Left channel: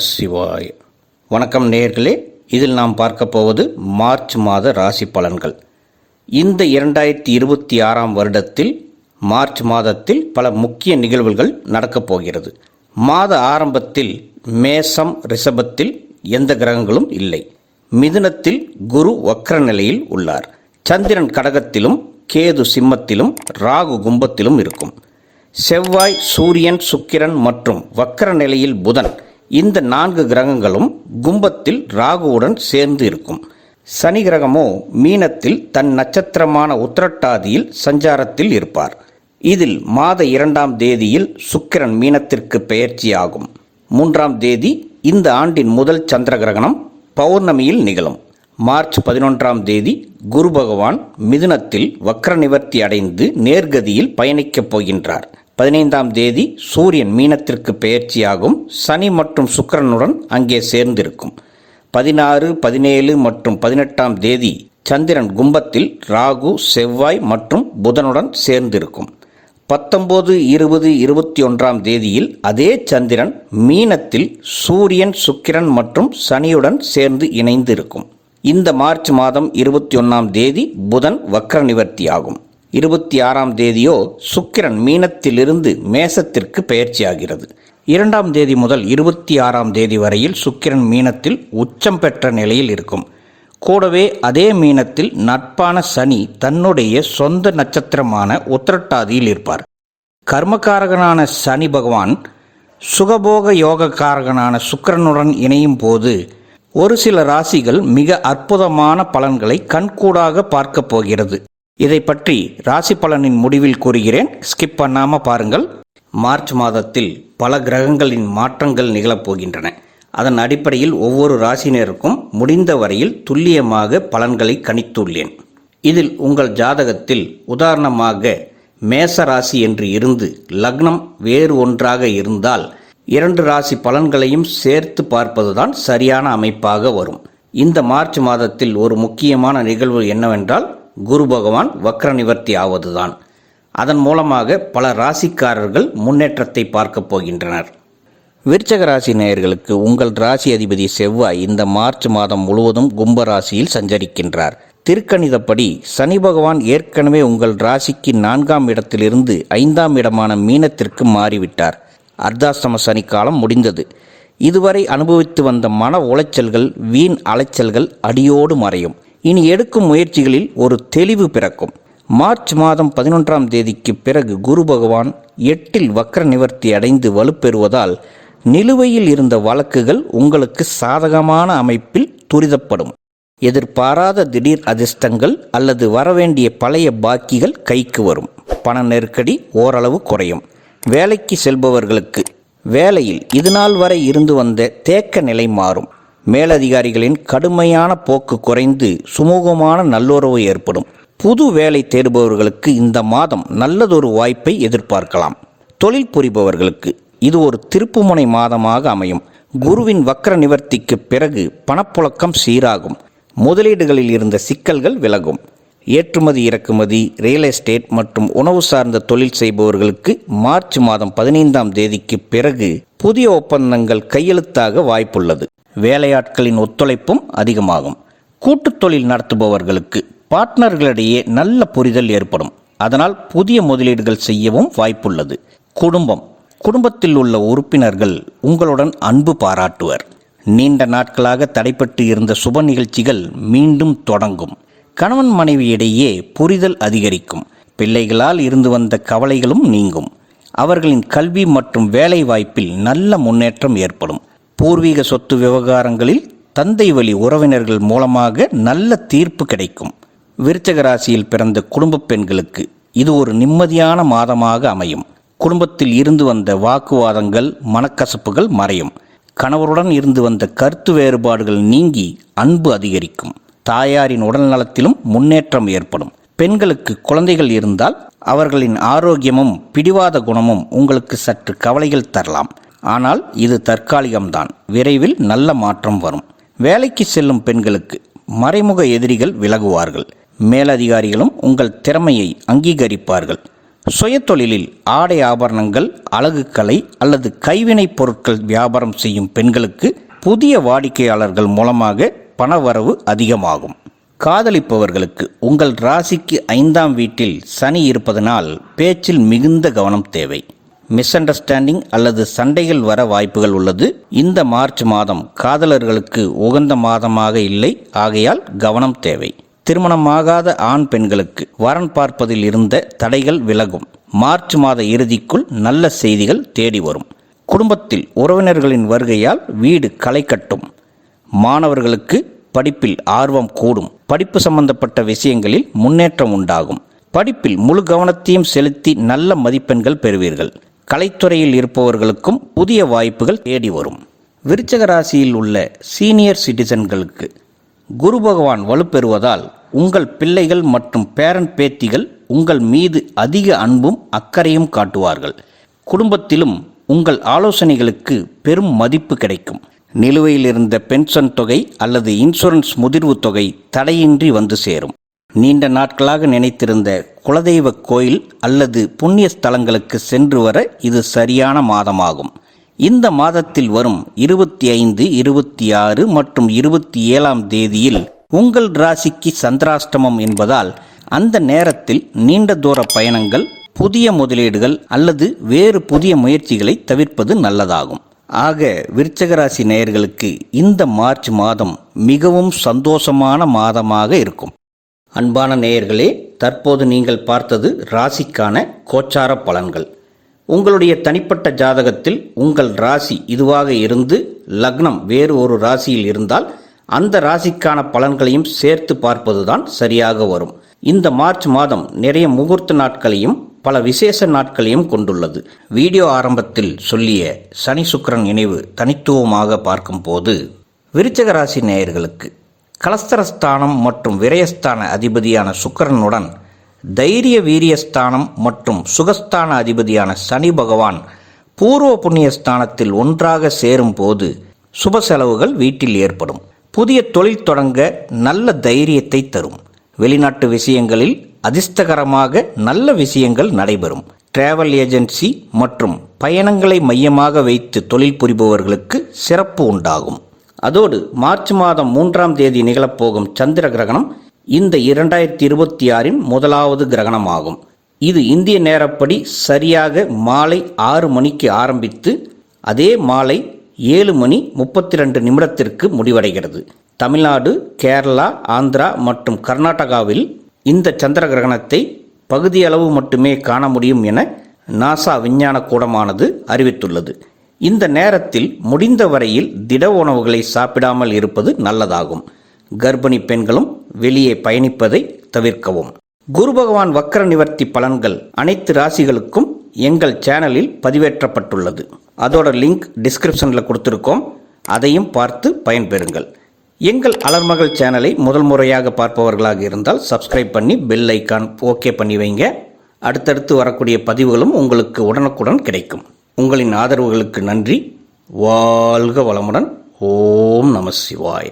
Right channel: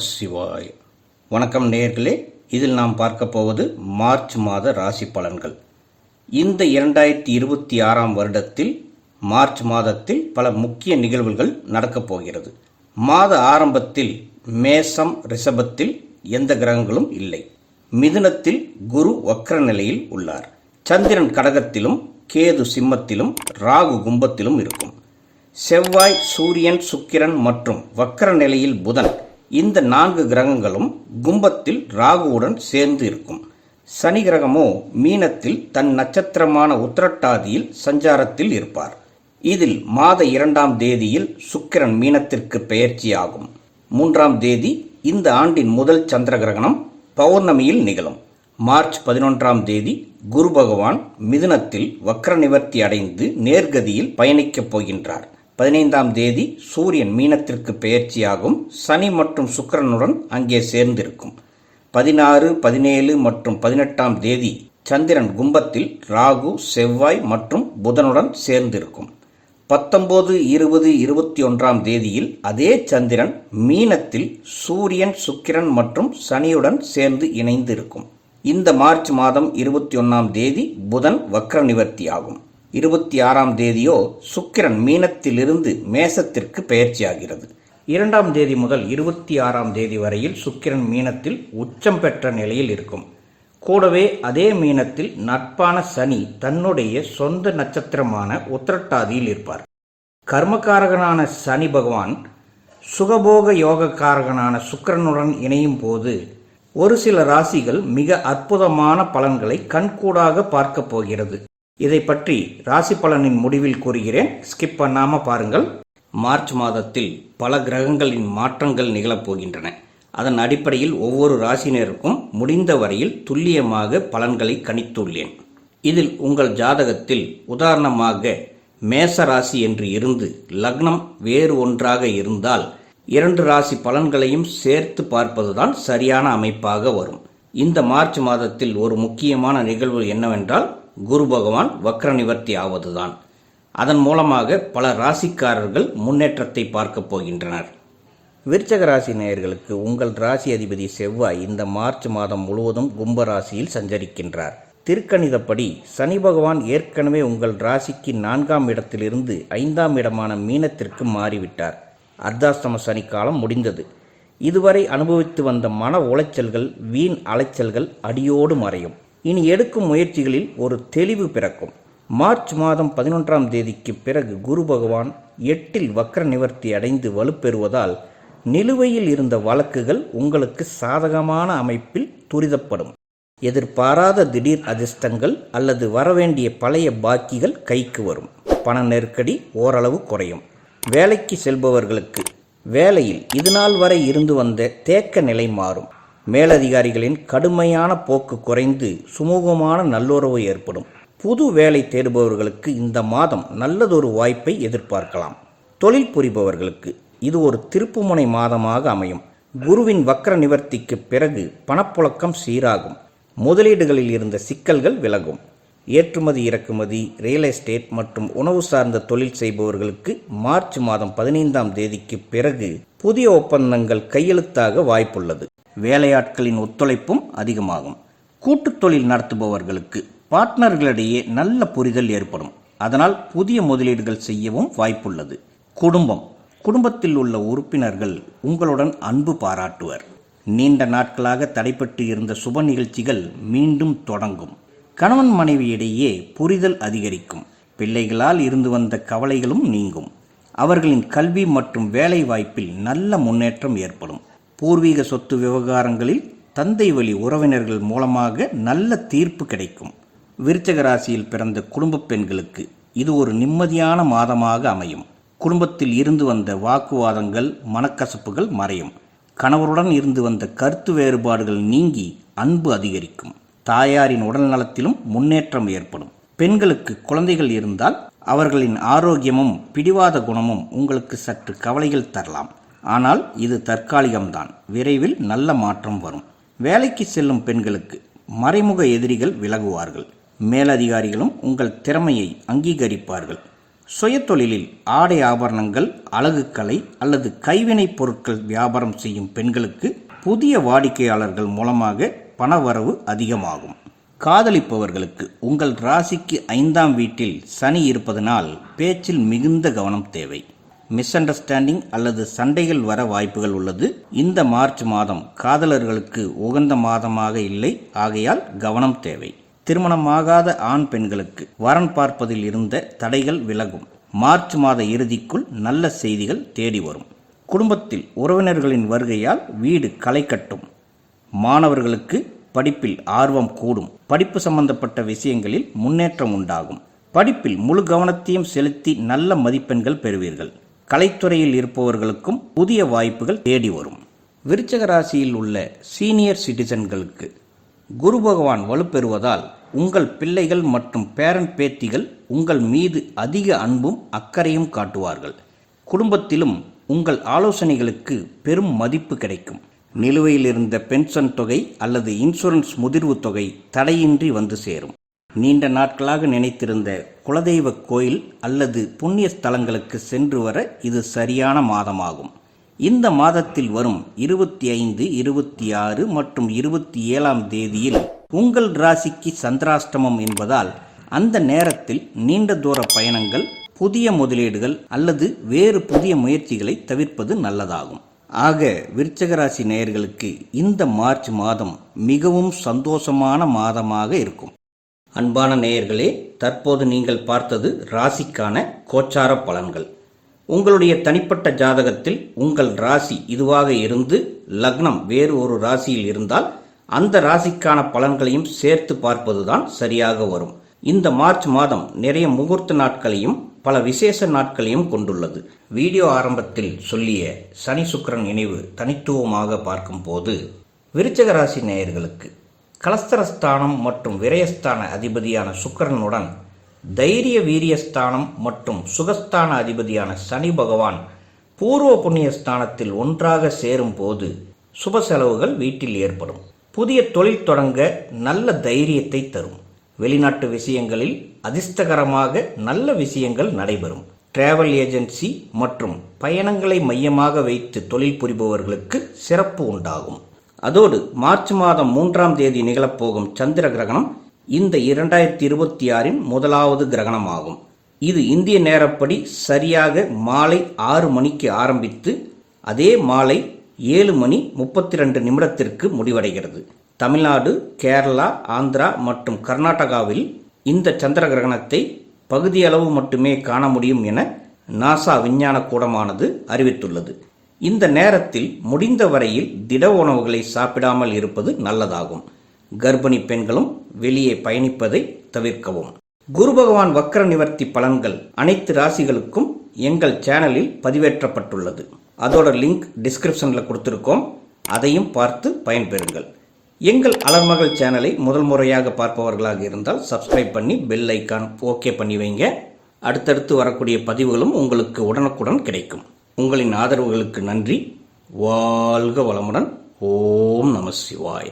சிவாய் வணக்கம் நேர்களே இதில் நாம் பார்க்க போவது மார்ச் மாத ராசி பலன்கள். இந்த இரண்டாயிரத்தி இருபத்தி ஆறாம் வருடத்தில் மார்ச் மாதத்தில் பல முக்கிய நிகழ்வுகள் நடக்கப் போகிறது. மாத ஆரம்பத்தில் மேசம் ரிஷபத்தில் எந்த கிரகங்களும் இல்லை. மிதுனத்தில் குரு வக்ர நிலையில் உள்ளார். சந்திரன் கடகத்திலும் கேது சிம்மத்திலும் ராகு கும்பத்திலும் இருக்கும். செவ்வாய் சூரியன் சுக்கிரன் மற்றும் வக்கர நிலையில் புதன் இந்த நான்கு கிரகங்களும் கும்பத்தில் ராகுவுடன் சேர்ந்து இருக்கும். சனி கிரகமோ மீனத்தில் தன் நட்சத்திரமான உத்திரட்டாதியில் சஞ்சாரத்தில் இருப்பார். இதில் மாத இரண்டாம் தேதியில் சுக்கிரன் மீனத்திற்கு பெயர்ச்சியாகும். மூன்றாம் தேதி இந்த ஆண்டின் முதல் சந்திர கிரகணம் பௌர்ணமியில் நிகழும். மார்ச் பதினொன்றாம் தேதி குரு பகவான் மிதுனத்தில் வக்ர நிவர்த்தி அடைந்து நேர்கதியில் பயணிக்கப் போகின்றார். பதினைந்தாம் தேதி சூரியன் மீனத்திற்கு பெயர்ச்சியாகும். சனி மற்றும் சுக்கிரனுடன் அங்கே சேர்ந்திருக்கும். பதினாறு பதினேழு மற்றும் பதினெட்டாம் தேதி சந்திரன் கும்பத்தில் ராகு செவ்வாய் மற்றும் புதனுடன் சேர்ந்திருக்கும். பத்தொம்போது இருபது இருபத்தி ஒன்றாம் தேதியில் அதே சந்திரன் மீனத்தில் சூரியன் சுக்கிரன் மற்றும் சனியுடன் சேர்ந்து இணைந்து இருக்கும் இந்த மார்ச் மாதம் இருபத்தி ஒன்றாம் தேதி புதன் வக்ர நிவர்த்தி ஆகும் இருபத்தி ஆறாம் தேதியோ சுக்கிரன் மீனத்திலிருந்து மேசத்திற்கு பெயர்ச்சியாகிறது. இரண்டாம் தேதி முதல் இருபத்தி ஆறாம் தேதி வரையில் சுக்கிரன் மீனத்தில் உச்சம் பெற்ற நிலையில் இருக்கும். கூடவே அதே மீனத்தில் நட்பான சனி தன்னுடைய சொந்த நட்சத்திரமான உத்திரட்டாதியில் இருப்பார். கர்மகாரகனான சனி பகவான் சுகபோக யோகக்காரகனான சுக்கிரனுடன் இணையும் போது ஒரு சில ராசிகள் மிக அற்புதமான பலன்களை கண்கூடாக பார்க்கப் போகிறது. இதை பற்றி ராசி பலனின் முடிவில் கூறுகிறேன். ஸ்கிப் பண்ணாமல் பாருங்கள். மார்ச் மாதத்தில் பல கிரகங்களின் மாற்றங்கள் நிகழப்போகின்றன. அதன் அடிப்படையில் ஒவ்வொரு ராசினருக்கும் முடிந்த வரையில் துல்லியமாக பலன்களை கணித்துள்ளேன். இதில் உங்கள் ஜாதகத்தில் உதாரணமாக மேச ராசி என்று இருந்து லக்னம் வேறு ஒன்றாக இருந்தால் இரண்டு ராசி பலன்களையும் சேர்த்து பார்ப்பதுதான் சரியான அமைப்பாக வரும். இந்த மார்ச் மாதத்தில் ஒரு முக்கியமான நிகழ்வு என்னவென்றால் குரு பகவான் வக்ர நிவர்த்தி ஆவதுதான். அதன் மூலமாக பல ராசிக்காரர்கள் முன்னேற்றத்தை பார்க்கப் போகின்றனர். விருச்சக ராசி நேயர்களுக்கு உங்கள் ராசி அதிபதி செவ்வாய் இந்த மார்ச் மாதம் முழுவதும் கும்ப ராசியில் சஞ்சரிக்கின்றார். திருக்கணிதப்படி சனி பகவான் ஏற்கனவே உங்கள் ராசிக்கு நான்காம் இடத்திலிருந்து ஐந்தாம் இடமான மீனத்திற்கு மாறிவிட்டார். அர்த்தாஷ்டம சனி காலம் முடிந்தது. இதுவரை அனுபவித்து வந்த மன உளைச்சல்கள் வீண் அலைச்சல்கள் அடியோடு மறையும். இனி எடுக்கும் முயற்சிகளில் ஒரு தெளிவு பிறக்கும். மார்ச் மாதம் பதினொன்றாம் தேதிக்கு பிறகு குரு பகவான் எட்டில் வக்ர நிவர்த்தி அடைந்து வலுப்பெறுவதால் நிலுவையில் இருந்த வழக்குகள் உங்களுக்கு சாதகமான அமைப்பில் துரிதப்படும். எதிர்பாராத திடீர் அதிர்ஷ்டங்கள் அல்லது வரவேண்டிய பழைய பாக்கிகள் கைக்கு வரும். பண நெருக்கடி ஓரளவு குறையும். வேலைக்கு செல்பவர்களுக்கு வேலையில் இதுநாள் வரை இருந்து வந்த தேக்க நிலை மாறும். மேலதிகாரிகளின் கடுமையான போக்கு குறைந்து சுமூகமான நல்லுறவு ஏற்படும். புது வேலை தேடுபவர்களுக்கு இந்த மாதம் நல்லதொரு வாய்ப்பை எதிர்பார்க்கலாம். தொழில் புரிபவர்களுக்கு இது ஒரு திருப்புமுனை மாதமாக அமையும். குருவின் வக்ர நிவர்த்திக்கு பிறகு பணப்புழக்கம் சீராகும். முதலீடுகளில் இருந்த சிக்கல்கள் விலகும். ஏற்றுமதி இறக்குமதி ரியல் எஸ்டேட் மற்றும் உணவு சார்ந்த தொழில் செய்பவர்களுக்கு மார்ச் மாதம் பதினைந்தாம் தேதிக்கு பிறகு புதிய ஒப்பந்தங்கள் கையெழுத்தாக வாய்ப்புள்ளது. வேலையாட்களின் ஒத்துழைப்பும் அதிகமாகும். கூட்டுத் தொழில் நடத்துபவர்களுக்கு பார்ட்னர்களிடையே நல்ல புரிதல் ஏற்படும். அதனால் புதிய முதலீடுகள் செய்யவும் வாய்ப்புள்ளது. குடும்பம். குடும்பத்தில் உள்ள உறுப்பினர்கள் உங்களுடன் அன்பு பாராட்டுவர். நீண்ட நாட்களாக தடைப்பட்டு இருந்த சுப நிகழ்ச்சிகள் மீண்டும் தொடங்கும். கணவன் மனைவியிடையே புரிதல் அதிகரிக்கும். பிள்ளைகளால் இருந்து வந்த கவலைகளும் நீங்கும். அவர்களின் கல்வி மற்றும் வேலை வாய்ப்பில் நல்ல முன்னேற்றம் ஏற்படும். பூர்வீக சொத்து விவகாரங்களில் தந்தை வழி உறவினர்கள் மூலமாக நல்ல தீர்ப்பு கிடைக்கும். விருச்சக ராசியில் பிறந்த குடும்ப பெண்களுக்கு இது ஒரு நிம்மதியான மாதமாக அமையும். குடும்பத்தில் இருந்து வந்த வாக்குவாதங்கள் மனக்கசப்புகள் மறையும். கணவருடன் இருந்து வந்த கருத்து வேறுபாடுகள் நீங்கி அன்பு அதிகரிக்கும். தாயாரின் உடல் நலத்திலும் முன்னேற்றம் ஏற்படும். பெண்களுக்கு குழந்தைகள் இருந்தால் அவர்களின் ஆரோக்கியமும் பிடிவாத குணமும் உங்களுக்கு சற்று கவலைகள் தரலாம். ஆனால் இது தற்காலிகம்தான். விரைவில் நல்ல மாற்றம் வரும். வேலைக்கு செல்லும் பெண்களுக்கு மறைமுக எதிரிகள் விலகுவார்கள். மேலதிகாரிகளும் உங்கள் திறமையை அங்கீகரிப்பார்கள். சுயத்தொழிலில் ஆடை ஆபரணங்கள் அழகுக்கலை அல்லது கைவினைப் பொருட்கள் வியாபாரம் செய்யும் பெண்களுக்கு புதிய வாடிக்கையாளர்கள் மூலமாக பணவரவு அதிகமாகும். காதலிப்பவர்களுக்கு உங்கள் ராசிக்கு ஐந்தாம் வீட்டில் சனி இருப்பதனால் பேச்சில் மிகுந்த கவனம் தேவை. மிஸ் அண்டர்ஸ்டாண்டிங் அல்லது சண்டைகள் வர வாய்ப்புகள் உள்ளது. இந்த மார்ச் மாதம் காதலர்களுக்கு உகந்த மாதமாக இல்லை. ஆகையால் கவனம் தேவை. திருமணமாகாத ஆண் பெண்களுக்கு வரன் பார்ப்பதில் இருந்த தடைகள் விலகும். மார்ச் மாத இறுதிக்குள் நல்ல செய்திகள் தேடி வரும். குடும்பத்தில் உறவினர்களின் வருகையால் வீடு களை கட்டும். மாணவர்களுக்கு படிப்பில் ஆர்வம் கூடும். படிப்பு சம்பந்தப்பட்ட விஷயங்களில் முன்னேற்றம் உண்டாகும். படிப்பில் முழு கவனத்தையும் செலுத்தி நல்ல மதிப்பெண்கள் பெறுவீர்கள். கலைத்துறையில் இருப்பவர்களுக்கும் புதிய வாய்ப்புகள் தேடி வரும். விருச்சக ராசியில் உள்ள சீனியர் சிட்டிசன்களுக்கு குரு பகவான் வலுப்பெறுவதால் உங்கள் பிள்ளைகள் மற்றும் பேரன் பேத்திகள் உங்கள் மீது அதிக அன்பும் அக்கறையும் காட்டுவார்கள். குடும்பத்திலும் உங்கள் ஆலோசனைகளுக்கு பெரும் மதிப்பு கிடைக்கும். நிலுவையில் இருந்த பென்ஷன் தொகை அல்லது இன்சூரன்ஸ் முதிர்வு தொகை தடையின்றி வந்து சேரும். நீண்ட நாட்களாக நினைத்திருந்த குலதெய்வ கோயில் அல்லது புண்ணிய ஸ்தலங்களுக்கு சென்று வர இது சரியான மாதமாகும். இந்த மாதத்தில் வரும் இருபத்தி ஐந்து இருபத்தி ஆறு மற்றும் இருபத்தி ஏழாம் தேதியில் உங்கள் ராசிக்கு சந்திராஷ்டமம் என்பதால் அந்த நேரத்தில் நீண்ட தூர பயணங்கள் புதிய முதலீடுகள் அல்லது வேறு புதிய முயற்சிகளை தவிர்ப்பது நல்லதாகும். ஆக விருச்சகராசி நேயர்களுக்கு இந்த மார்ச் மாதம் மிகவும் சந்தோஷமான மாதமாக இருக்கும். அன்பான நேயர்களே தற்போது நீங்கள் பார்த்தது ராசிக்கான கோச்சார பலன்கள். உங்களுடைய தனிப்பட்ட ஜாதகத்தில் உங்கள் ராசி இதுவாக இருந்து லக்னம் வேறு ஒரு ராசியில் இருந்தால் அந்த ராசிக்கான பலன்களையும் சேர்த்து பார்ப்பதுதான் சரியாக வரும். இந்த மார்ச் மாதம் நிறைய முகூர்த்த நாட்களையும் பல விசேஷ நாட்களையும் கொண்டுள்ளது. வீடியோ ஆரம்பத்தில் சொல்லிய சனி சுக்கரன் இணைவு தனித்துவமாக பார்க்கும்போது விருச்சக ராசி நேயர்களுக்கு கலஸ்தரஸ்தானம் மற்றும் விரயஸ்தான அதிபதியான சுக்கரனுடன் தைரிய வீரியஸ்தானம் மற்றும் சுகஸ்தான அதிபதியான சனி பகவான் பூர்வ புண்ணியஸ்தானத்தில் ஒன்றாக ஒன்றாக சேரும்போது சுப செலவுகள் வீட்டில் ஏற்படும். புதிய தொழில் தொடங்க நல்ல தைரியத்தை தரும். வெளிநாட்டு விஷயங்களில் அதிர்ஷ்டகரமாக நல்ல விஷயங்கள் நடைபெறும். டிராவல் ஏஜென்சி மற்றும் பயணங்களை மையமாக வைத்து தொழில் புரிபவர்களுக்கு சிறப்பு உண்டாகும். அதோடு மார்ச் மாதம் மூன்றாம் தேதி நிகழப்போகும் சந்திர கிரகணம் இந்த இரண்டாயிரத்தி இருபத்தி ஆறின் முதலாவது கிரகணமாகும். இது இந்திய நேரப்படி சரியாக மாலை ஆறு மணிக்கு ஆரம்பித்து அதே மாலை ஏழு மணி முப்பத்தி ரெண்டு நிமிடத்திற்கு முடிவடைகிறது. தமிழ்நாடு கேரளா ஆந்திரா மற்றும் கர்நாடகாவில் இந்த சந்திர கிரகணத்தை பகுதியளவு மட்டுமே காண முடியும் என நாசா விஞ்ஞான கூடமானது அறிவித்துள்ளது. இந்த நேரத்தில் முடிந்த வரையில் திட உணவுகளை சாப்பிடாமல் இருப்பது நல்லதாகும். கர்ப்பிணி பெண்களும் வெளியே பயணிப்பதை தவிர்க்கவும். குரு பகவான் வக்கர நிவர்த்தி பலன்கள் அனைத்து ராசிகளுக்கும் எங்கள் சேனலில் பதிவேற்றப்பட்டுள்ளது. அதோட லிங்க் டிஸ்கிரிப்ஷனில் கொடுத்துருக்கோம். அதையும் பார்த்து பயன்பெறுங்கள். எங்கள் அலர்மகள் சேனலை முதல் முறையாக பார்ப்பவர்களாக இருந்தால் சப்ஸ்கிரைப் பண்ணி பெல் ஐக்கான் ஓகே பண்ணி வைங்க. அடுத்தடுத்து வரக்கூடிய பதிவுகளும் உங்களுக்கு உடனுக்குடன் கிடைக்கும். உங்களின் ஆதரவுகளுக்கு நன்றி. வாழ்க வளமுடன். ஓம் நம சிவாய.